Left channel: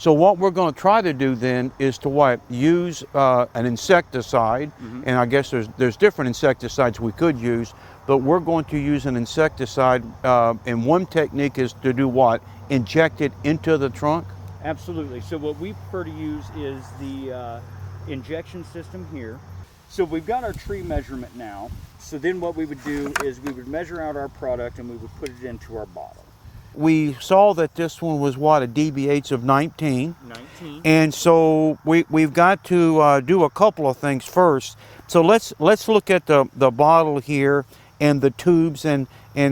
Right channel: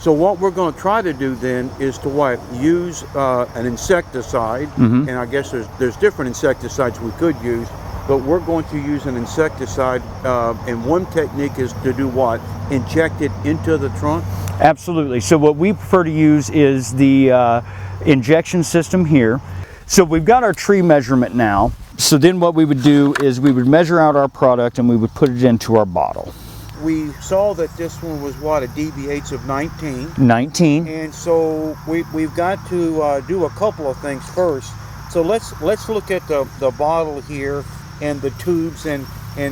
So what we're going to try to do then is to what? Use an insecticide, and I guess there's different insecticides we could use, but we're going to use an insecticide, and one technique is to do what? Inject it into the trunk? Absolutely. So what we prefer to use is the injection system here. So we've got our tree measurement now. So then what we would do is we would measure out our product and we would put it into our bottle. We saw that this one was what, a DBH of 19. 19. And so we've got to do a couple of things first. So let's look at the bottle here and the tubes and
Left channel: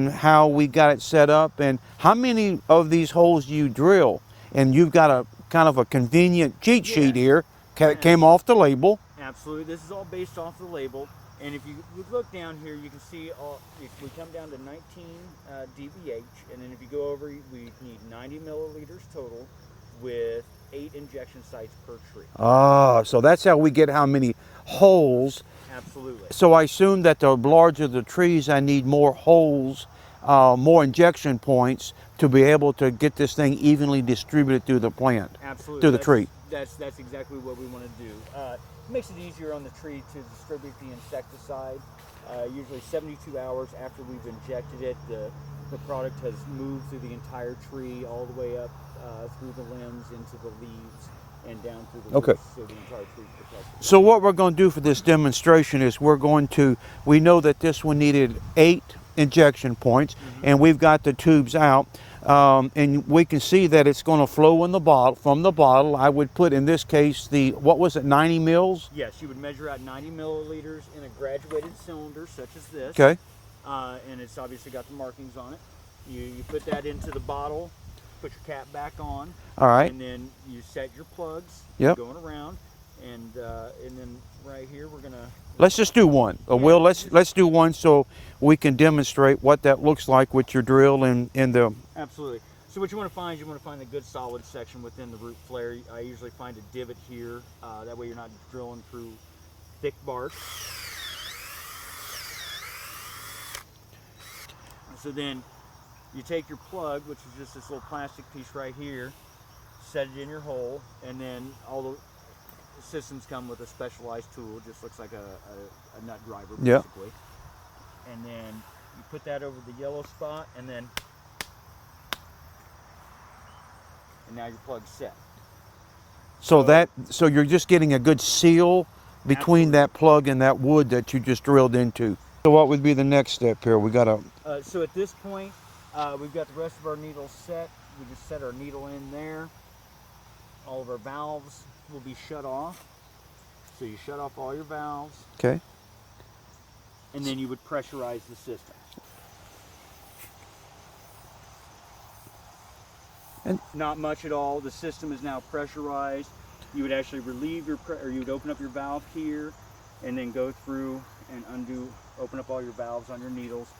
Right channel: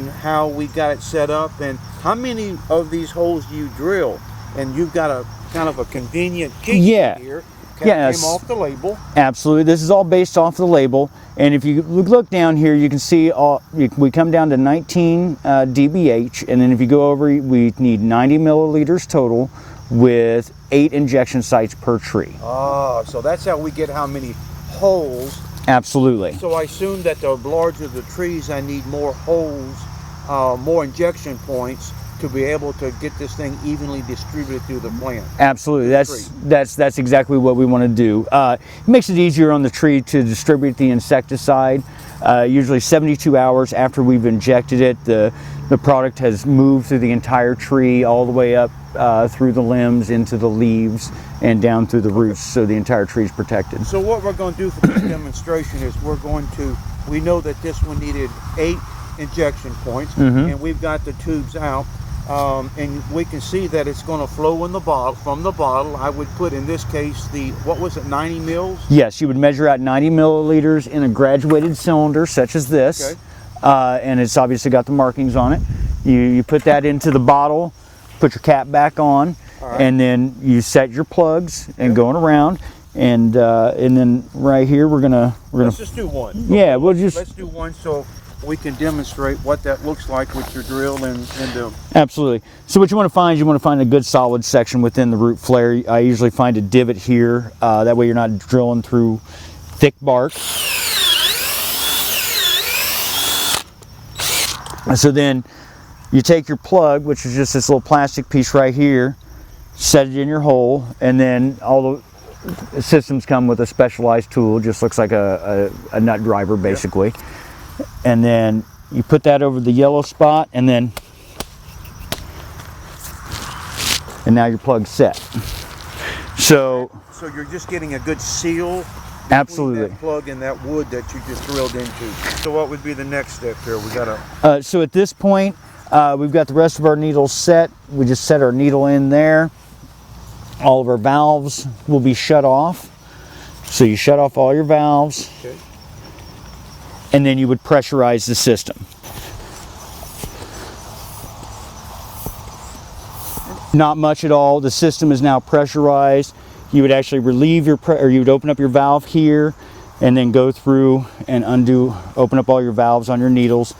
how we got it set up and how many of these holes you drill. And you've got a kind of a convenient cheat sheet here. Came off the label. Absolutely. This is all based off the label. And if you look down here, you can see we come down to 19 dBH, and then if you go over, we need 90 milliliters total with 8 injection sites per tree. Ah, so that's how we get how many holes. Absolutely. So I assume that the larger the trees, I need more holes, more injection points to be able to get this thing evenly distributed through the plant. Absolutely, that's exactly what we want to do. It makes it easier on the tree to distribute the insecticide. Usually 72 hours after we've injected it, the product has moved through the entire tree all the way up through the limbs into the leaves and down through the roots, so the entire tree is protected. So what we're going to do for this demonstration is we know that this one needed 8 injection points, and we've got the tubes out. And we can see that it's going to flow in the bottle. From the bottle, I would put in this case what was it, 90 mils? Yes, you would measure out 90 milliliters in a graduated cylinder such as this. Okay. And it's obviously got the markings on it. You put that into the bottle, put your cap back on, and then you set your plugs and going around. And then right here let's just do one. Yeah, let's do one so we can demonstrate what that looks like with your drill and the... Absolutely. So what you want to find is you want to find a good solid section within the root flare. I usually find a divot here. That way you're not drilling through thick bark. And so then you take your plug, which is just this little plastic piece right here, set it in your hole, and then all the systems come with a specialized tool. Just looks like a nut driver basically. Yep. And then you put that over the yellow spot, and now your plug's set. So you're just getting a good seal between that plug and that wood that you just drilled into. So what would be the next step here? We gotta. So at this point, we've got the rest of our needles set. We just set our needle in there. All of our valves will be shut off. So you shut off all your valves. Okay. And then you would pressurize the system. Not much at all. The system is now pressurized. You would actually relieve you would open up your valve here and then go through and open up all your valves on your needles.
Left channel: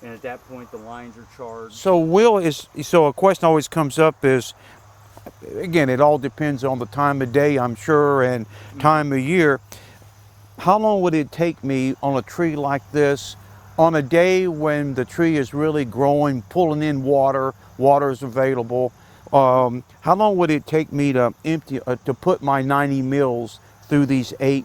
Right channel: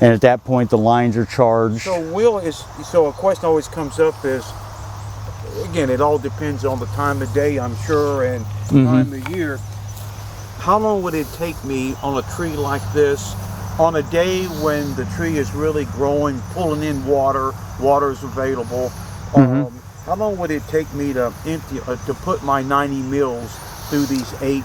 And at that point, the lines are charged. So a question always comes up is, again, it all depends on the time of day, I'm sure, and time of year. How long would it take me on a tree like this, on a day when the tree is really growing, pulling in water is available? How long would it take me to put my 90 mils through these 8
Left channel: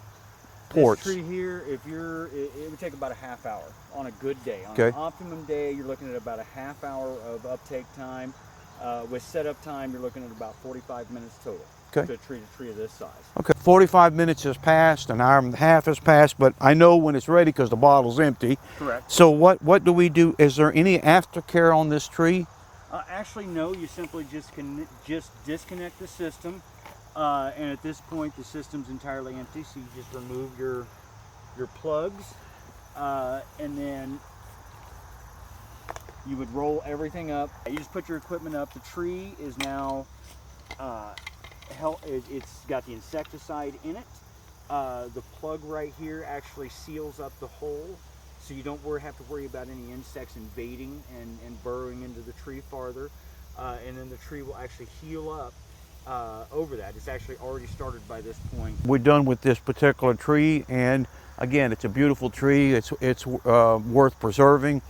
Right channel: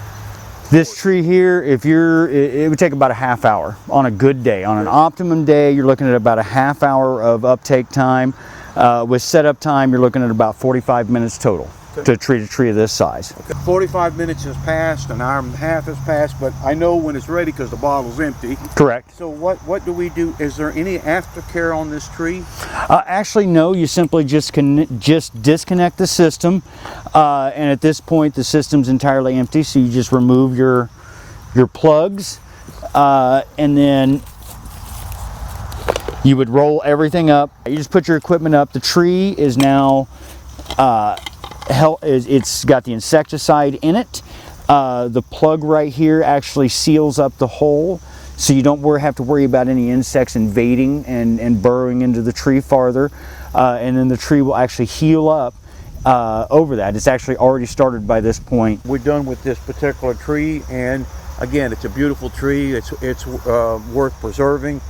This ports? tree here, it would take about a half hour on a good day. On an optimum day, you're looking at about a half hour of uptake time. With setup time, you're looking at about 45 minutes total to treat a tree of this size. Okay, 45 minutes has passed, an hour and a half has passed, but I know when it's ready because the bottle's empty. Correct. So what do we do? Is there any aftercare on this tree? Actually, no. You simply just disconnect the system, and at this point, the system's entirely empty. So you just remove your plugs, and then you would roll everything up. You just put your equipment up. The tree is now it's got the insecticide in it. The plug right here actually seals up the hole, so you don't have to worry about any insects invading and burrowing into the tree farther. And then the tree will actually heal up over that. It's actually already started by this point. We're done with this particular tree, and again, it's a beautiful tree. It's worth preserving.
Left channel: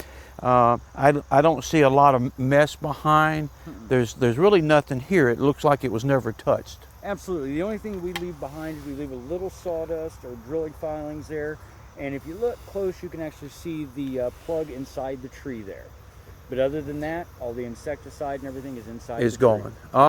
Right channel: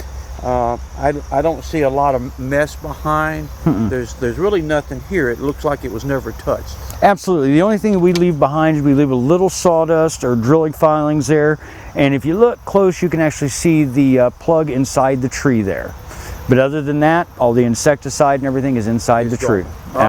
I don't see a lot of mess behind. There's really nothing here. It looks like it was never touched. Absolutely. The only thing we leave behind is we leave a little sawdust or drilling filings there. And if you look close, you can actually see the plug inside the tree there. But other than that, all the insecticide and everything is inside It's the tree. gone.